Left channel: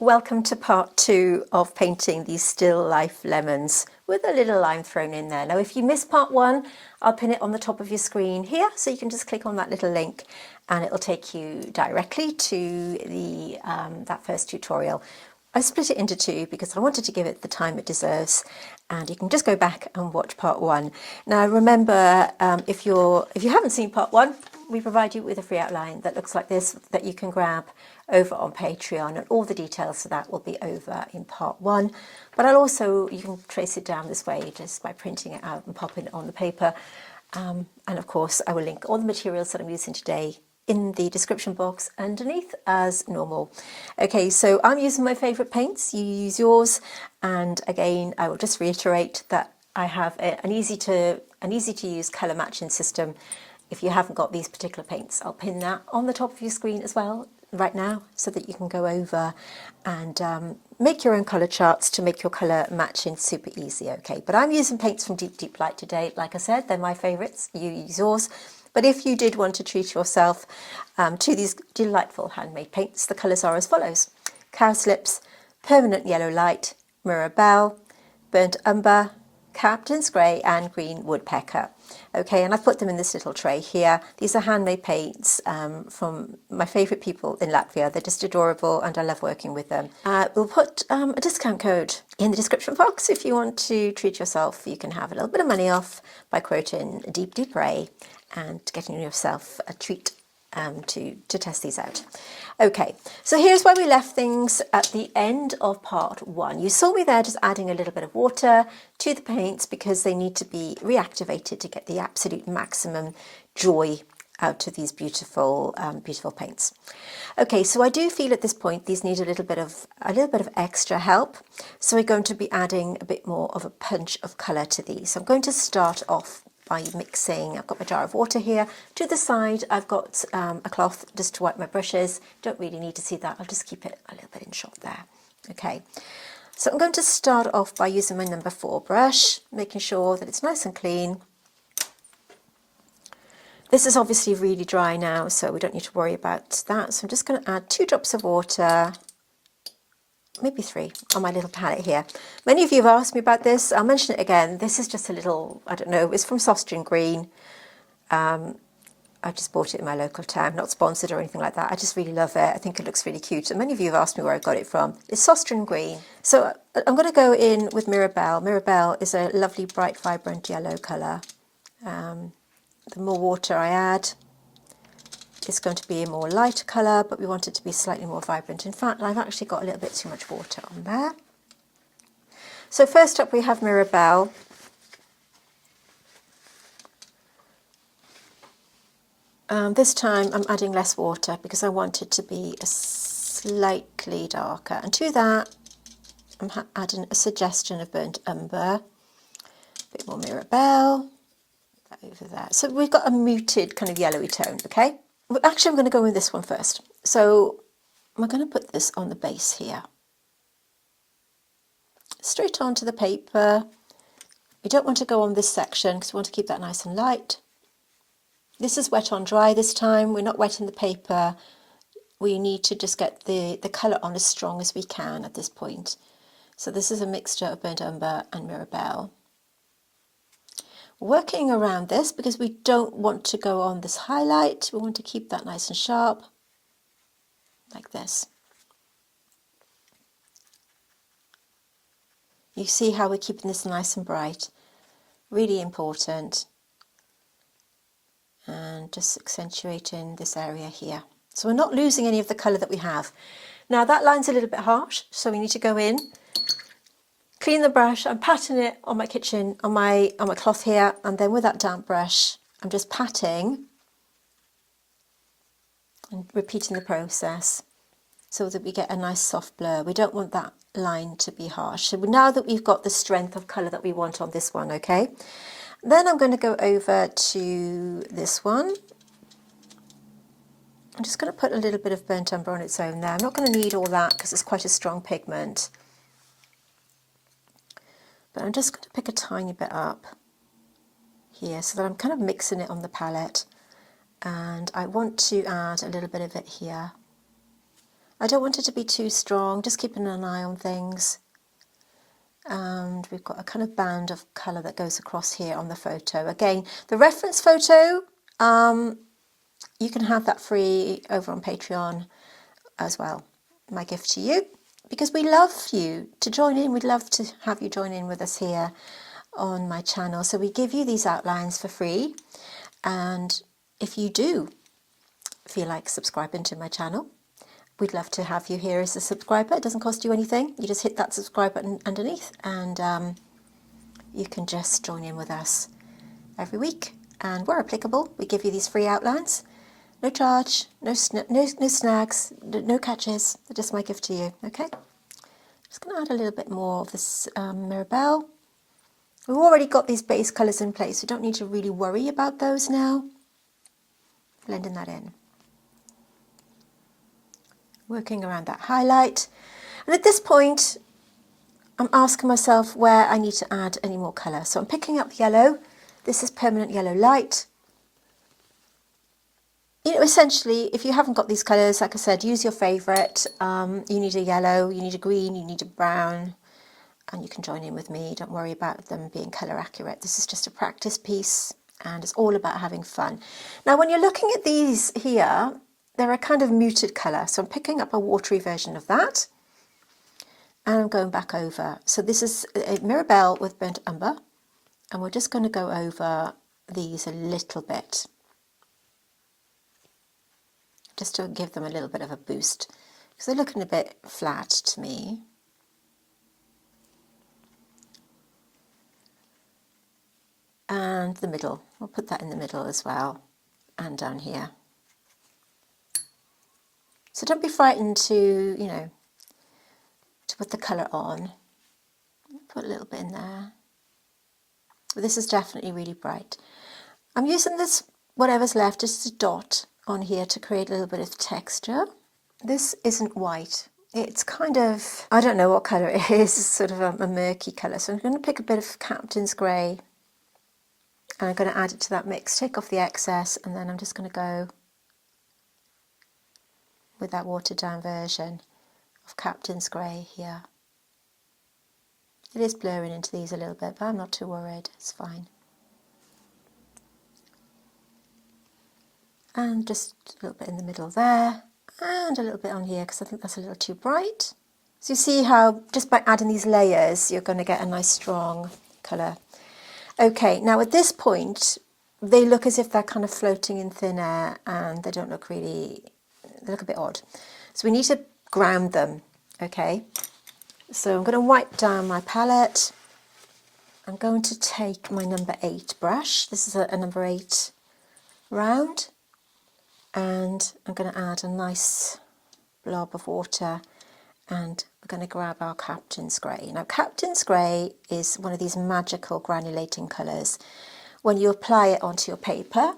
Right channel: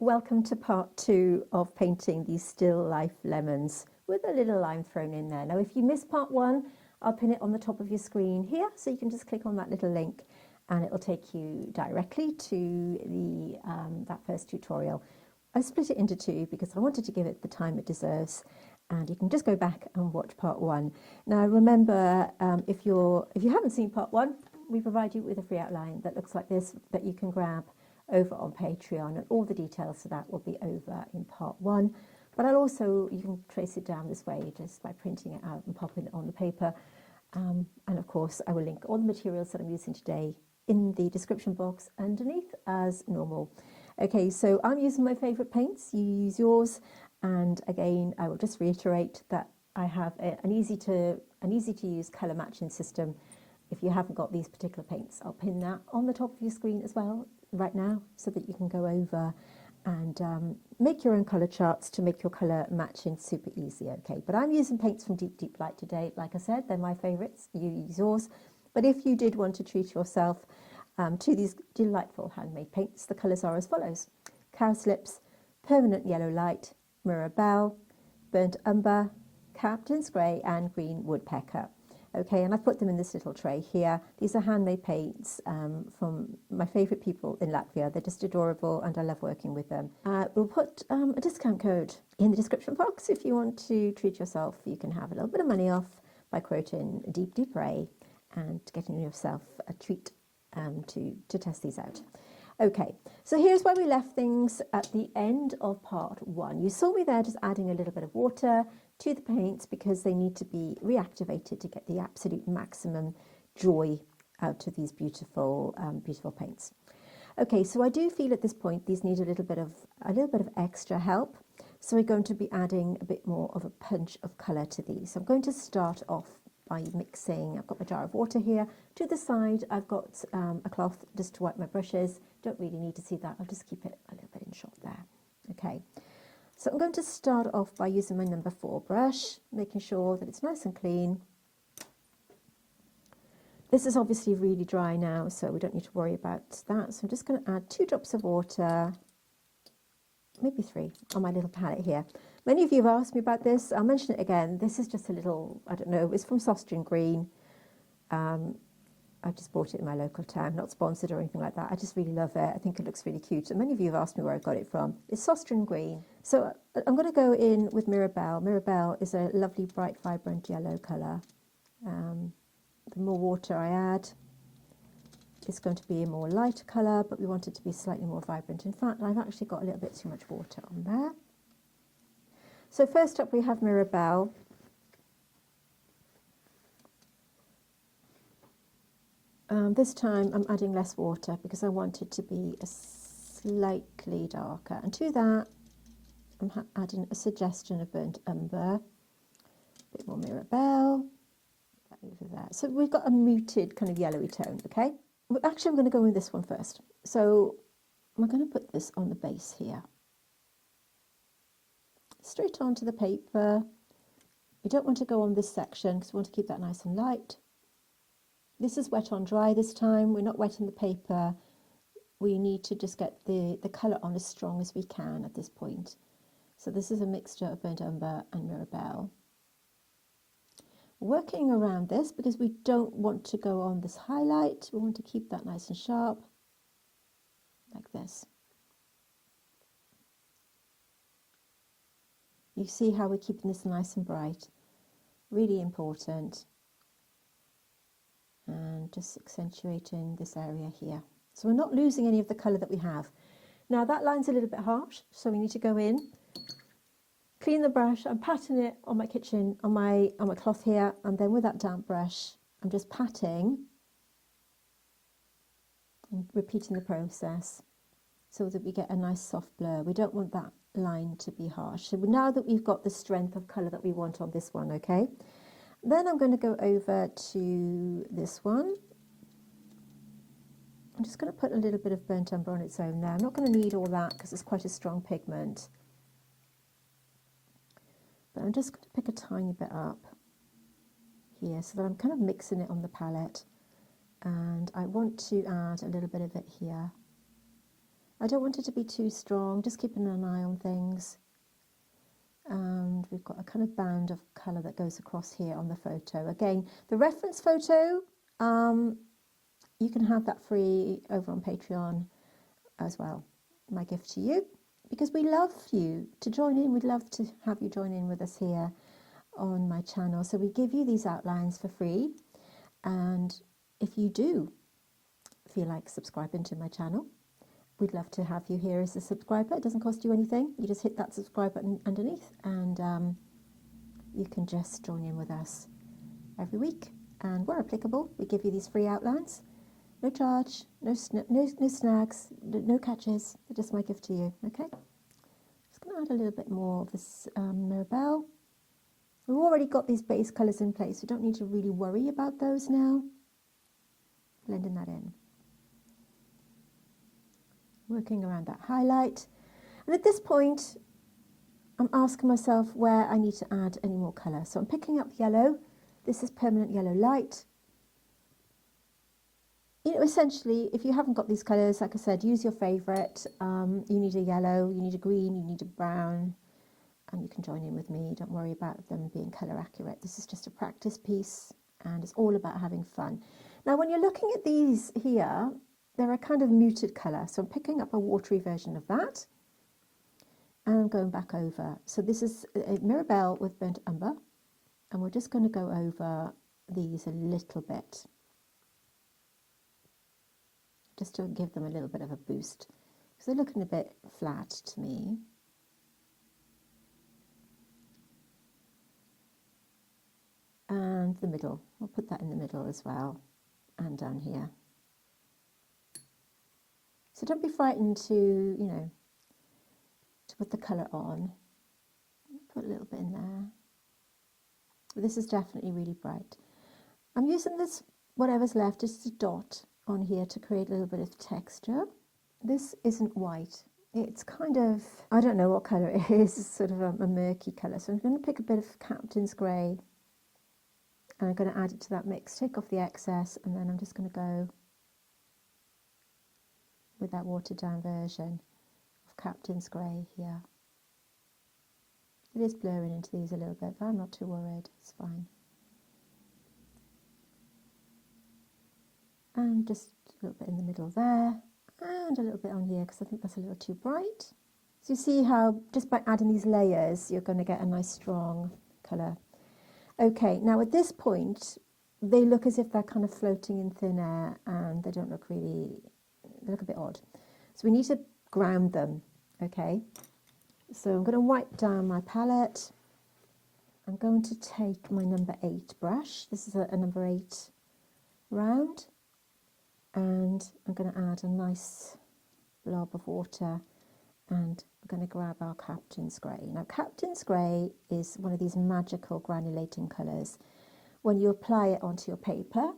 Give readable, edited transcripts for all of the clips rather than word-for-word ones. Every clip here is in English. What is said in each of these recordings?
Welcome to part 2 of painting these still life lemons with a little lime thrown in there. Now if you missed part 1, I'll pin it on the top of your screen here, so you can just click on that little link and it'll take you directly to the that first tutorial. I split it into 2 because I wanted to give it the time it deserves, and you can just go back and watch part 1. Now remember, if you haven't seen part 1, we provide you with a free outline that looks like this that you can grab over on Patreon, and all the details for that will be over in part 1. But you can trace it down this way just by printing it out and popping it on the paper. And of course, I will link all the materials that I'm using today in the description box underneath as normal. Okay, so I'm using my favourite paints, you use yours, and again I will just reiterate that I have an easy to use colour matching system. If you haven't got these particular paints, I'll pin that on the top of your screen as well right now, so that you can go over and make your own colour charts to make your colour matching super easy. Okay, but I'm using paints from Deep Light today. Like I said, they're my favourites, you use yours. But if you did want to treat yourself to these delightful handmade paints, the colours are as follows: Cowslips, Permanent Yellow Light, Mirabelle, Burnt Umber, Captain's Grey and Green Woodpecker. Okay, and I've put them in this little tray here. These are handmade paints from my favourite people in Latvia. They're just adorable and I love working with them. We'll put a discount code in the description box. If you want to treat yourself, you can have a little bit of money off by quoting Deep Ray and getting yourself a treat to test these out. Okay, so here's where we left things at the end of part 1. You saw me there just adding a little bit of water to the paints because they need to be reactivated to get the absolute maximum joy out of these beautiful beautiful paints. Okay, so I do feel at this point these need a little bit of extra help, so we're going to be adding a bit more of a punch of colour to these. So I'm going to start off by mixing. I've got my jar of water here. To the side I've got a cloth just to wipe my brushes. Don't really need to see that, I'll just keep it a little bit in shot there. Okay, so I'm going to start off by using my number 4 brush, making sure that it's nice and clean. This is obviously really dry now, so we don't need to worry about that. So I'm just going to add 2 drops of water, maybe 3, on my little palette here. Many of you have asked me about this. I'll mention it again. This is just a little, I don't know, it's from Soft Green. I just bought it in my local town, not sponsored or anything like that. I just really love it. I think it looks really cute. And many of you have asked me where I got it from. It's Soft Green. So I'm going to go in with Mirabelle. Mirabelle is a lovely, bright, vibrant yellow colour. The more water I add, it's going to be a more lighter colour, but we want it to be slightly more vibrant. In fact, I've actually got a little bit too much water on there. So first up we have Mirabelle. This time I'm adding less water because I want it to be slightly darker. And to that, I'm adding a suggestion of Burnt Umber, a bit more Mirabelle, that over there. So we've got a muted kind of yellowy tone, okay? Actually, I'm going to go with this one first. So I'm going to put this on the base here. Straight onto the paper. We don't want to go on this section because we want to keep that nice and light. This is wet on dry this time. We're not wetting the paper. We need to just get the colour on as strong as we can at this point. So this is a mixture of Burnt Umber and Mirabelle. Working around this because we don't want to go on this highlight. We want to keep that nice and sharp, like this. You see how we're keeping this nice and bright. Really important. And just accentuating this area here. So we're not losing any of the colour that we have. Now that line's a little bit harsh, so we need to go in, clean the brush. I'm patting it on my kitchen, on my cloth here, and then with that damp brush, I'm just patting and repeating the process so that we get a nice soft blur. We don't want that line to be harsh. So now that we've got the strength of colour that we want on this one, okay? Then I'm going to go over to this one. I'm just going to put a little bit of Burnt Umber on its own there. I'm not going to need all that because it's quite a strong pigment. But I'm just going to pick a tiny bit up here so that I'm kind of mixing it on the palette. And I want to add a little bit of it here. I don't want it to be too strong, just keeping an eye on things. And we've got a kind of band of colour that goes across here on the photo. Again, the reference photo, you can have that free over on Patreon as well. My gift to you, because we love you to join in. We'd love to have you join in with us here on my channel. So we give you these outlines for free. And if you do feel like subscribing to my channel, we'd love to have you here as a subscriber. It doesn't cost you anything. You just hit that subscribe button underneath and you can just join in with us every week. And where applicable, we give you these free outlines. No charge, no snags, no catches. They're just my gift to you, okay? Just going to add a little bit more of this Mirabelle. We've already got these base colours in place. We don't need to really worry about those now. Blending that in. Working around that highlight. And at this point, I'm asking myself where I need to add any more colour. So I'm picking up yellow. This is permanent yellow light. You know, essentially, if you haven't got these colours, like I said, use your favourite. You need a yellow, you need a green, you need a brown, and you can join in with me. Don't worry about them being colour accurate. This is just a practice piece, and it's all about having fun. Now, when you're looking at these here, they're a kind of muted colour. So I'm picking up a watery version of that, and I'm going back over. So this is a Mirabelle with burnt umber, and we're just going to go over these a little bit, just to give them a little bit of a boost, because they're looking a bit flat to me. And the middle, we'll put that in the middle as well, and down here. So don't be frightened to, you know, to put the colour on. Put a little bit in there. But this is definitely really bright. I'm using this, whatever's left, just a dot on here to create a little bit of texture. This isn't white. It's kind of, I don't know what colour it is, it's sort of a murky colour. So I'm going to pick a bit of Captain's Grey and I'm going to add it to that mix, take off the excess, and then I'm just going to go with that watered down version of Captain's Grey here. It is blurring into these a little bit, but I'm not too worried, it's fine. And just a little bit in the middle there, and a little bit on here because I think that's a little too bright. So you see how just by adding these layers you're going to get a nice strong colour. Okay, now at this point they look as if they're kind of floating in thin air and they don't look really, they look a bit odd. So we need to ground them, okay? So I'm going to wipe down my palette. I'm going to take my number 8 brush. This is a number 8 round. And I'm going to add a nice blob of water and we're going to grab our Captain's Grey. Now Captain's Grey is one of these magical granulating colours. When you apply it onto your paper,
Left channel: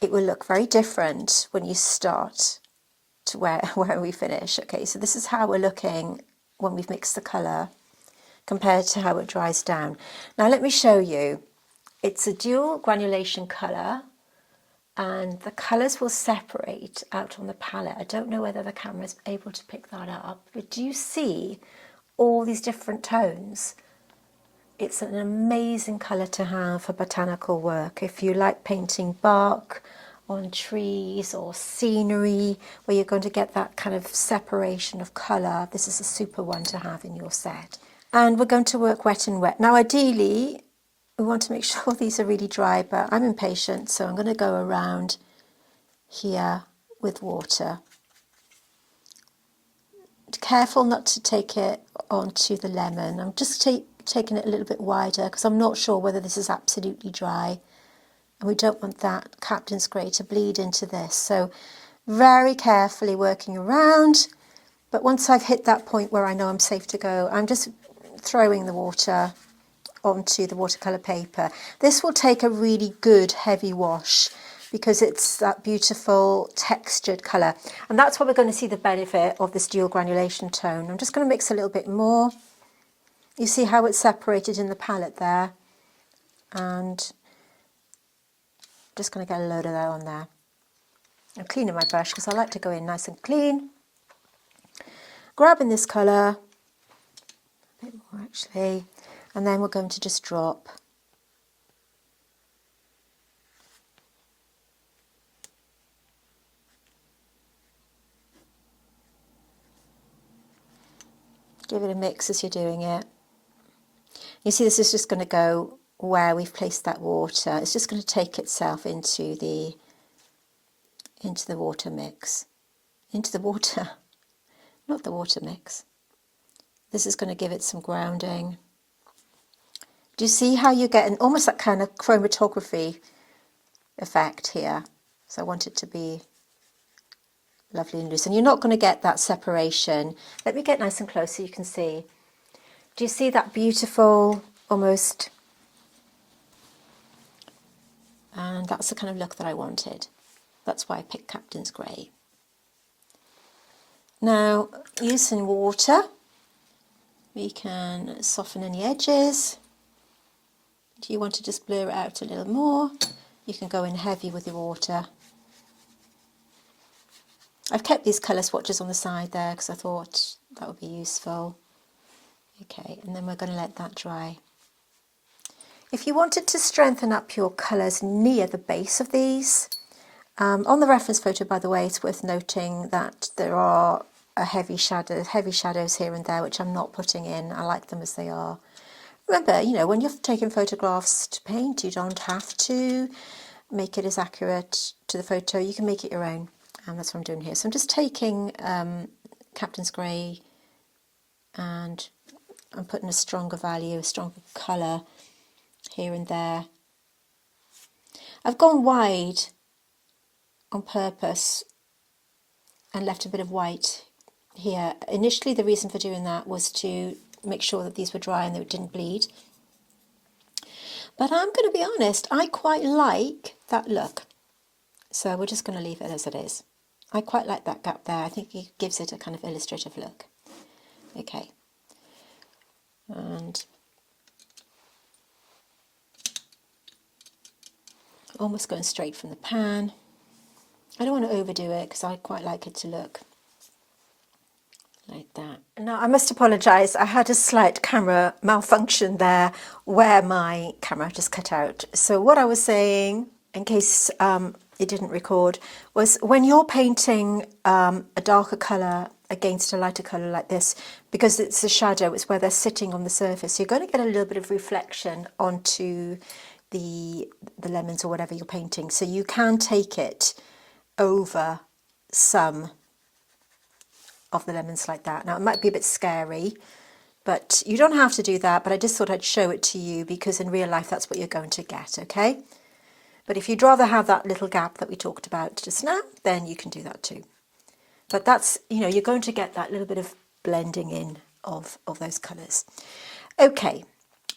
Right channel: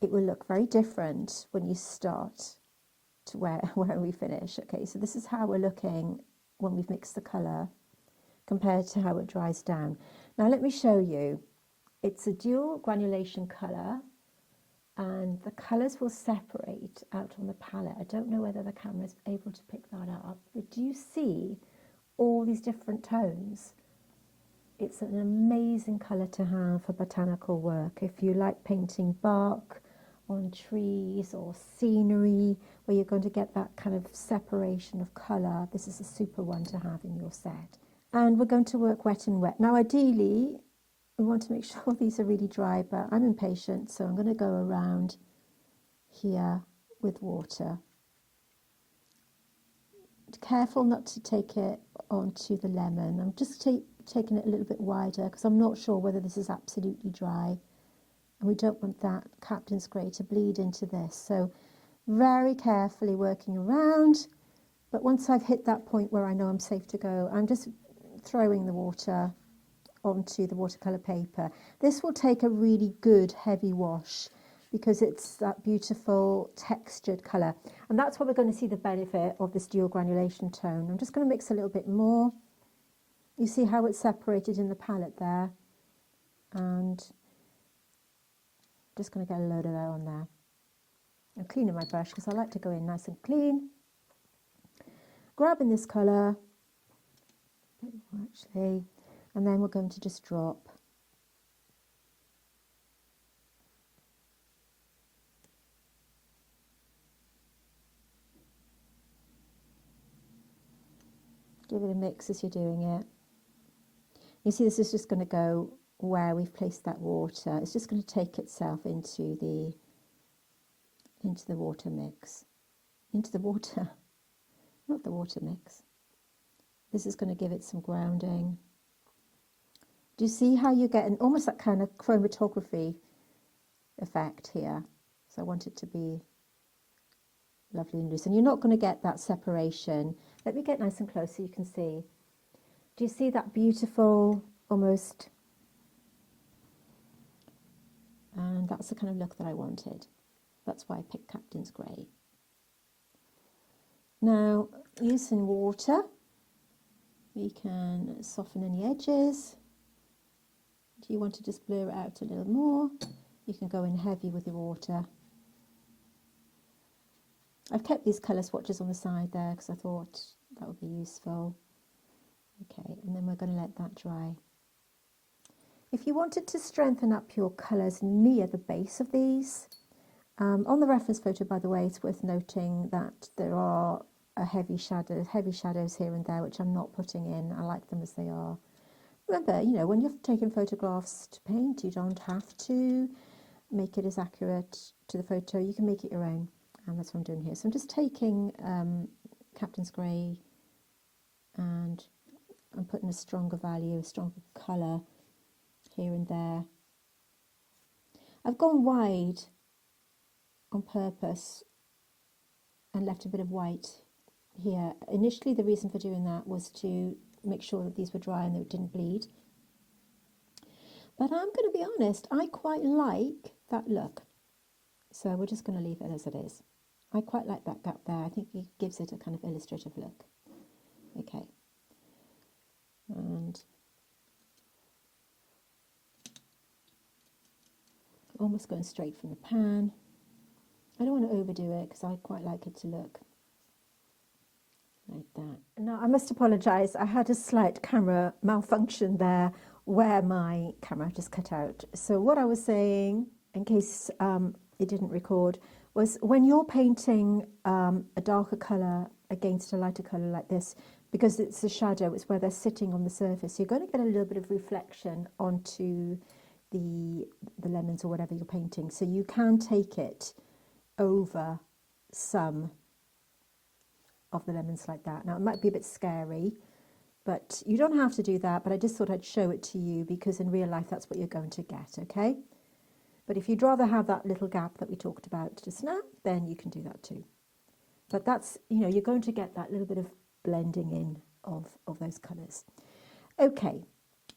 it will look very different when you start to where we finish. Okay, so this is how we're looking when we've mixed the colour compared to how it dries down. Now let me show you. It's a dual granulation colour, and the colours will separate out on the palette. I don't know whether the camera is able to pick that up, but do you see all these different tones? It's an amazing colour to have for botanical work. If you like painting bark on trees or scenery where you're going to get that kind of separation of colour, this is a super one to have in your set. And we're going to work wet and wet. Now ideally, we want to make sure these are really dry, but I'm impatient, so I'm going to go around here with water. Careful not to take it onto the lemon. I'm just taking it a little bit wider because I'm not sure whether this is absolutely dry. And we don't want that Captain's Grey to bleed into this. So very carefully working around. But once I've hit that point where I know I'm safe to go, I'm just throwing the water onto the watercolour paper. This will take a really good heavy wash because it's that beautiful textured colour, and that's where we're going to see the benefit of this dual granulation tone. I'm just going to mix a little bit more. You see how it's separated in the palette there, and just going to get a load of that on there. I'm cleaning my brush because I like to go in nice and clean. Grabbing this colour, a bit more actually, and then we're going to just drop give it a mix as you're doing it. You see this is just going to go where we've placed that water. It's just going to take itself into the water mix. Into the water, not the water mix. This is going to give it some grounding. Do you see how you're getting almost that kind of chromatography effect here? So I want it to be lovely and loose. And you're not going to get that separation. Let me get nice and close so you can see. Do you see that beautiful, almost? And that's the kind of look that I wanted. That's why I picked Captain's Grey. Now, using water, we can soften any edges. Do you want to just blur it out a little more? You can go in heavy with your water. I've kept these colour swatches on the side there because I thought that would be useful. Okay, and then we're going to let that dry. If you wanted to strengthen up your colours near the base of these, on the reference photo, by the way, it's worth noting that there are heavy shadows here and there, which I'm not putting in. I like them as they are. Remember, you know, when you're taking photographs to paint, you don't have to make it as accurate to the photo. You can make it your own, and that's what I'm doing here. So I'm just taking Captain's Grey, and I'm putting a stronger value, a stronger colour here and there. I've gone wide on purpose and left a bit of white here. Initially, the reason for doing that was to make sure that these were dry and they didn't bleed. But I'm going to be honest, I quite like that look. So we're just going to leave it as it is. I quite like that gap there. I think it gives it a kind of illustrative look. Okay. And almost going straight from the pan. I don't want to overdo it because I quite like it to look like that. Now, I must apologise. I had a slight camera malfunction there where my camera just cut out. So what I was saying, in case it didn't record, was when you're painting a darker colour against a lighter colour like this, because it's a shadow, it's where they're sitting on the surface, you're going to get a little bit of reflection onto the lemons or whatever you're painting. So you can take it over some of the lemons like that. Now, it might be a bit scary, but you don't have to do that, but I just thought I'd show it to you because in real life that's what you're going to get, okay? But if you'd rather have that little gap that we talked about just now, then you can do that too. But that's, you know, you're going to get that little bit of blending in of those colours. Okay,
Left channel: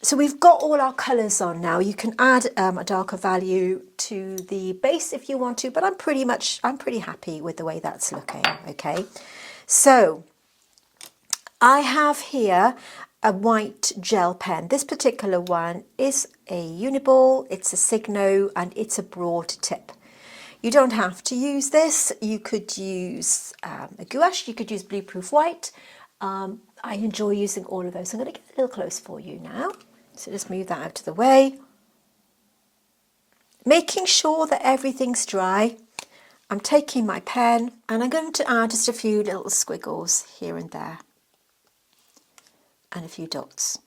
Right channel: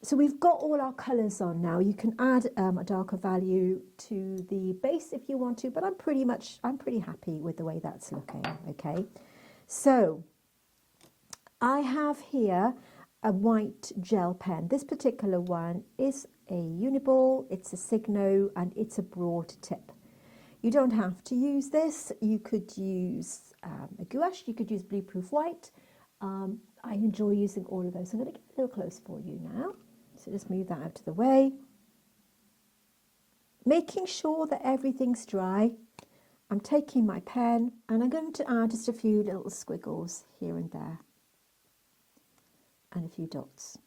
so we've got all our colours on now. You can add a darker value to the base if you want to, but I'm pretty happy with the way that's looking, okay? So I have here a white gel pen. This particular one is a Uniball, it's a Signo, and it's a broad tip. You don't have to use this. You could use a gouache, you could use Blueproof White. I enjoy using all of those. I'm going to get a little close for you now. So just move that out of the way. Making sure that everything's dry. I'm taking my pen and I'm going to add just a few little squiggles here and there and a few dots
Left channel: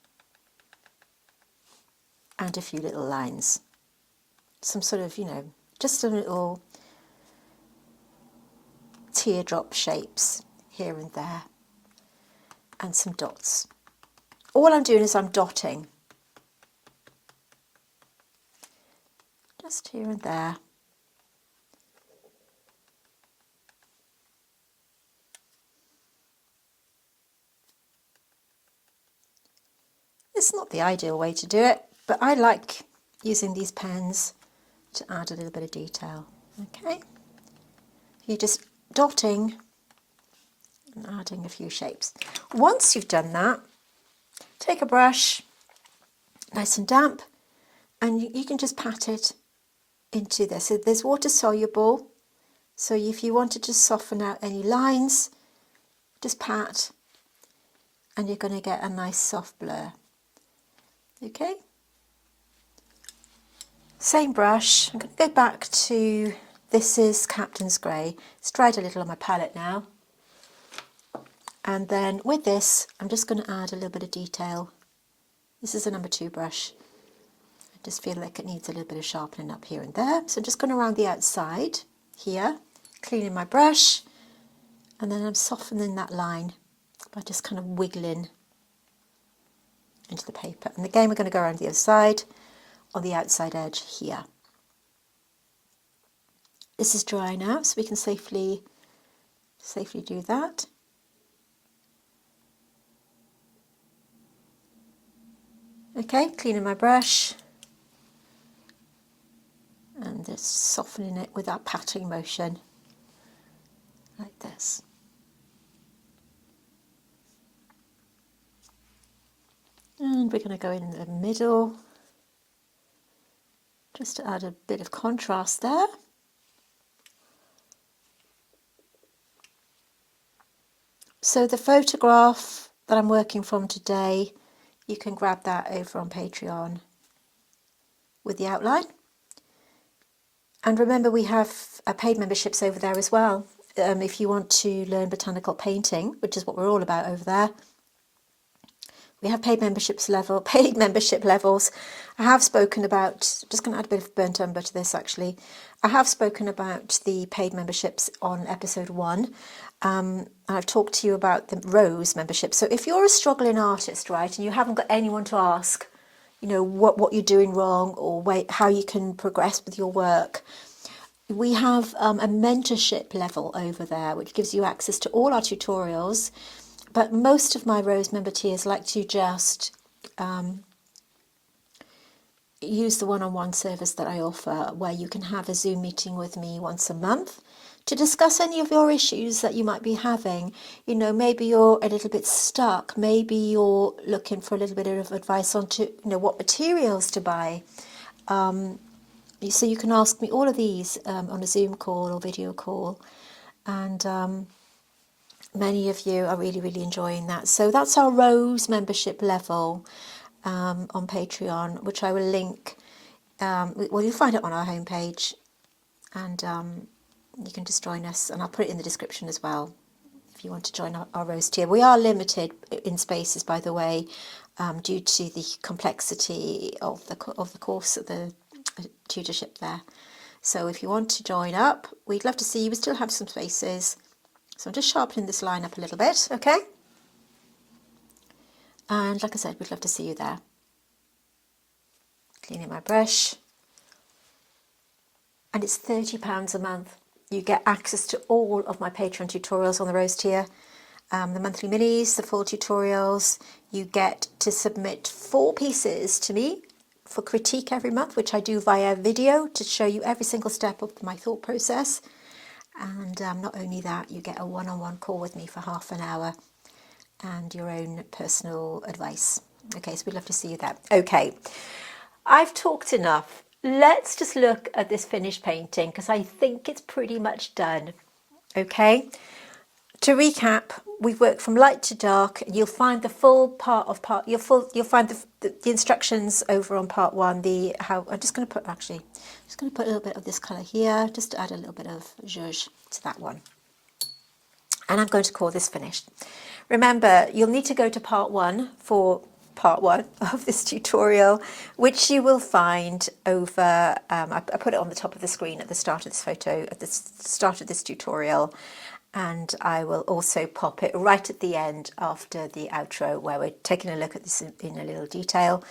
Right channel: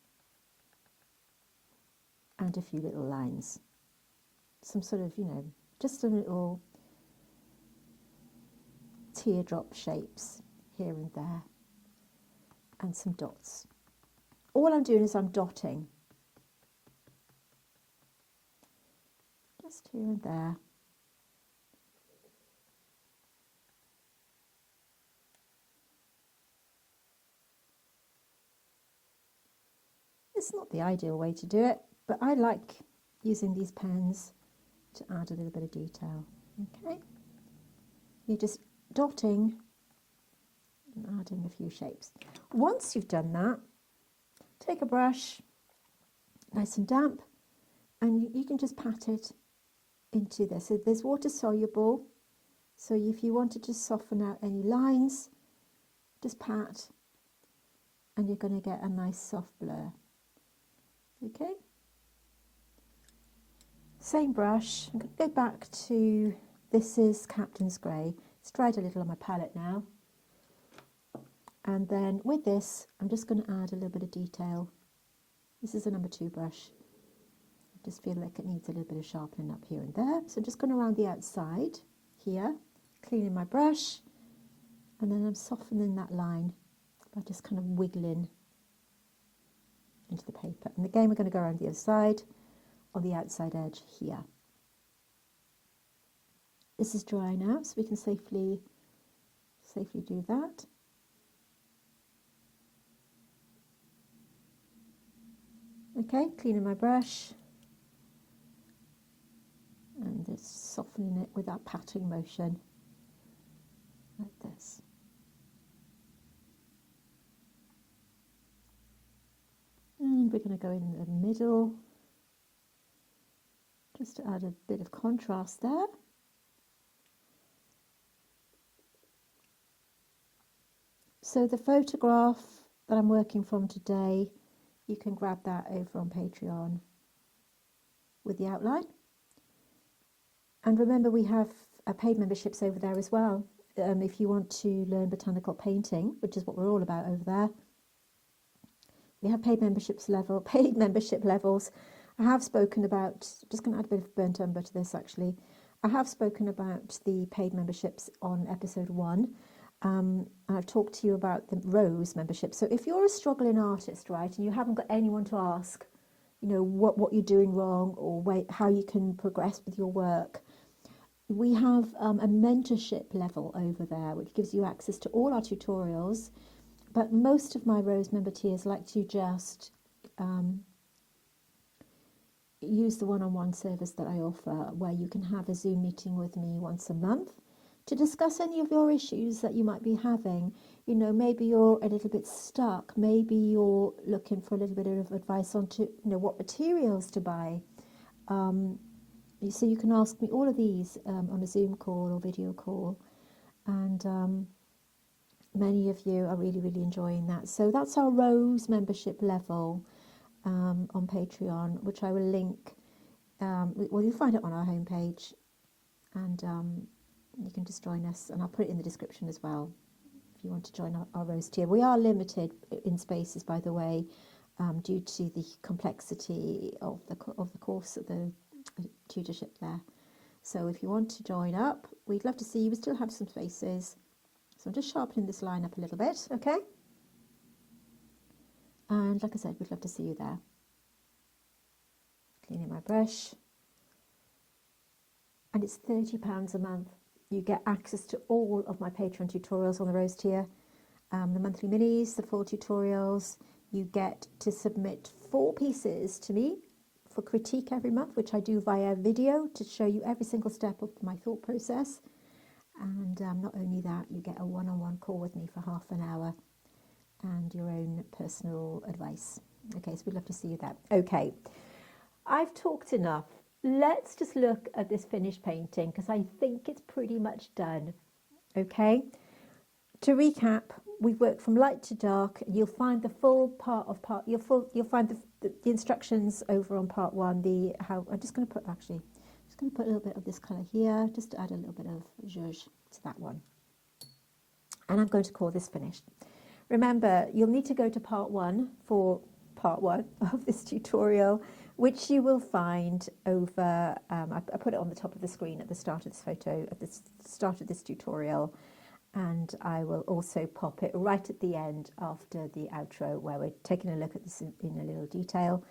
and a few little lines. Some sort of, you know, just some little teardrop shapes here and there and some dots. All I'm doing is I'm dotting. Just here and there. It's not the ideal way to do it, but I like using these pens to add a little bit of detail. Okay, you're just dotting and adding a few shapes. Once you've done that, take a brush, nice and damp, and you can just pat it into this. So there's water soluble, So if you wanted to soften out any lines, just pat and you're going to get a nice soft blur. Okay. Same brush. I'm going to go back to, this is Captain's Grey. It's dried a little on my palette now. And then with this, I'm just going to add a little bit of detail. This is a number 2 brush. I just feel like it needs a little bit of sharpening up here and there. So I'm just going around the outside here, cleaning my brush, and then I'm softening that line by just kind of wiggling into the paper. And again, we're going to go around the other side on the outside edge here. This is dry now, so we can safely do that. Okay, cleaning my brush and just softening it with that patting motion like this. And we're going to go in the middle just to add a bit of contrast there. So the photograph that I'm working from today, you can grab that over on Patreon with the outline. And remember, we have paid memberships over there as well. If you want to learn botanical painting, which is what we're all about over there, we have paid membership levels. I have spoken about, just going to add a bit of burnt umber to this actually. I have spoken about the paid memberships on episode 1. I've talked to you about the Rose membership. So if you're a struggling artist, right, and you haven't got anyone to ask, you know, what you're doing wrong or how you can progress with your work, we have a mentorship level over there, which gives you access to all our tutorials. But most of my Rose member tiers like to just use the one-on-one service that I offer, where you can have a Zoom meeting with me once a month to discuss any of your issues that you might be having. You know, maybe you're a little bit stuck, maybe you're looking for a little bit of advice on what materials to buy. So you can ask me all of these on a Zoom call or video call, and many of you are really, really enjoying that. So that's our Rose membership level on Patreon, which I will link. Well, you'll find it on our homepage, and you can just join us, and I'll put it in the description as well if you want to join our Rose tier. We are limited in spaces, by the way, due to the complexity of the course of the tutorship there. So if you want to join up, we'd love to see you. We still have some spaces. So I'm just sharpening this line up a little bit, okay? And like I said, we'd love to see you there. Cleaning my brush. And it's £30 a month. You get access to all of my Patreon tutorials on the Rose tier. The monthly minis, the full tutorials. You get to submit 4 pieces to me for critique every month, which I do via video to show you every single step of my thought process. And not only that, you get a one-on-one call with me for half an hour and your own personal advice. Okay, so we'd love to see you there. Okay, I've talked enough. Let's just look at this finished painting because I think it's pretty much done. Okay, to recap, we've worked from light to dark. You'll find the full you'll find the instructions over on part 1. I'm just going to put a little bit of this colour here, just to add a little bit of zhuzh to that one. And I'm going to call this finished. Remember, you'll need to go to part 1 for part 1 of this tutorial, which you will find over, I put it on the top of the screen at the start of this photo, at the start of this tutorial. And I will also pop it right at the end after the outro, where we're taking a look at this in a little detail.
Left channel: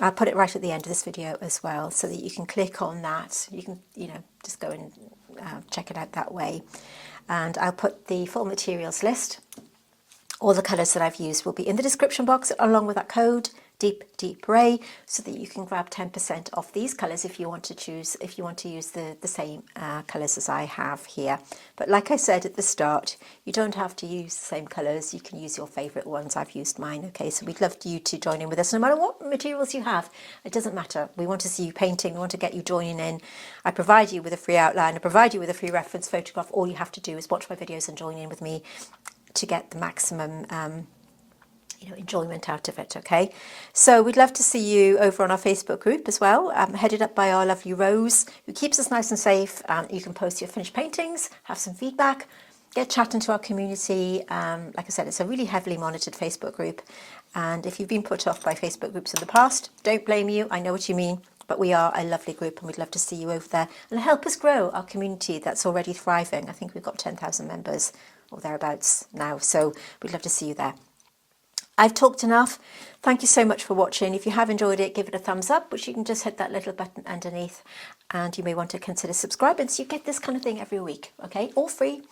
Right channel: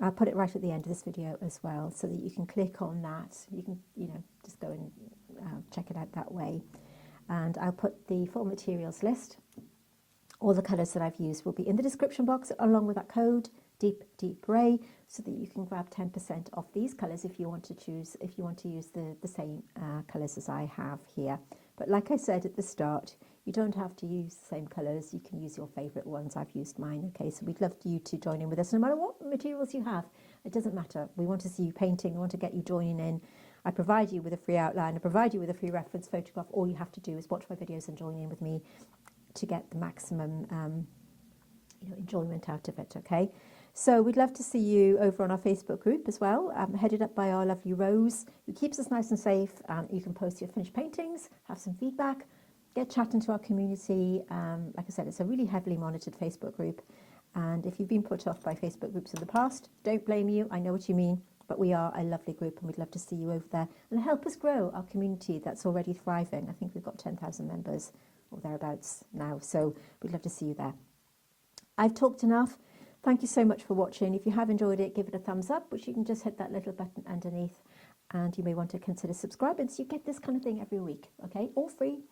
I'll put it right at the end of this video as well, so that you can click on that. You can, just go and check it out that way. And I'll put the full materials list. All the colours that I've used will be in the description box, along with that code deep ray, so that you can grab 10% off these colours if you want to choose, if you want to use the same colours as I have here. But like I said at the start, you don't have to use the same colours, you can use your favourite ones. I've used mine, okay? So we'd love you to join in with us, no matter what materials you have. It doesn't matter. We want to see you painting, we want to get you joining in. I provide you with a free outline, I provide you with a free reference photograph. All you have to do is watch my videos and join in with me to get the maximum enjoyment out of it, okay? So we'd love to see you over on our Facebook group as well, headed up by our lovely Rose, who keeps us nice and safe. You can post your finished paintings, have some feedback, get chatting to our community. Like I said, it's a really heavily monitored Facebook group, and if you've been put off by Facebook groups in the past, don't blame you. I know what you mean, but we are a lovely group and we'd love to see you over there and help us grow our community that's already thriving. I think we've got 10,000 members or thereabouts now, so we'd love to see you there. I've talked enough. Thank you so much for watching. If you have enjoyed it, give it a thumbs up, which you can just hit that little button underneath, and you may want to consider subscribing so you get this kind of thing every week, okay? All free,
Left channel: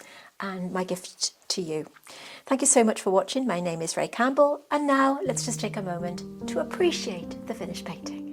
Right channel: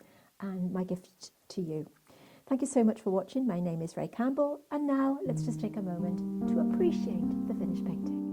and my gift to you. Thank you so much for watching. My name is Ray Campbell, and now let's just take a moment to appreciate the finished painting.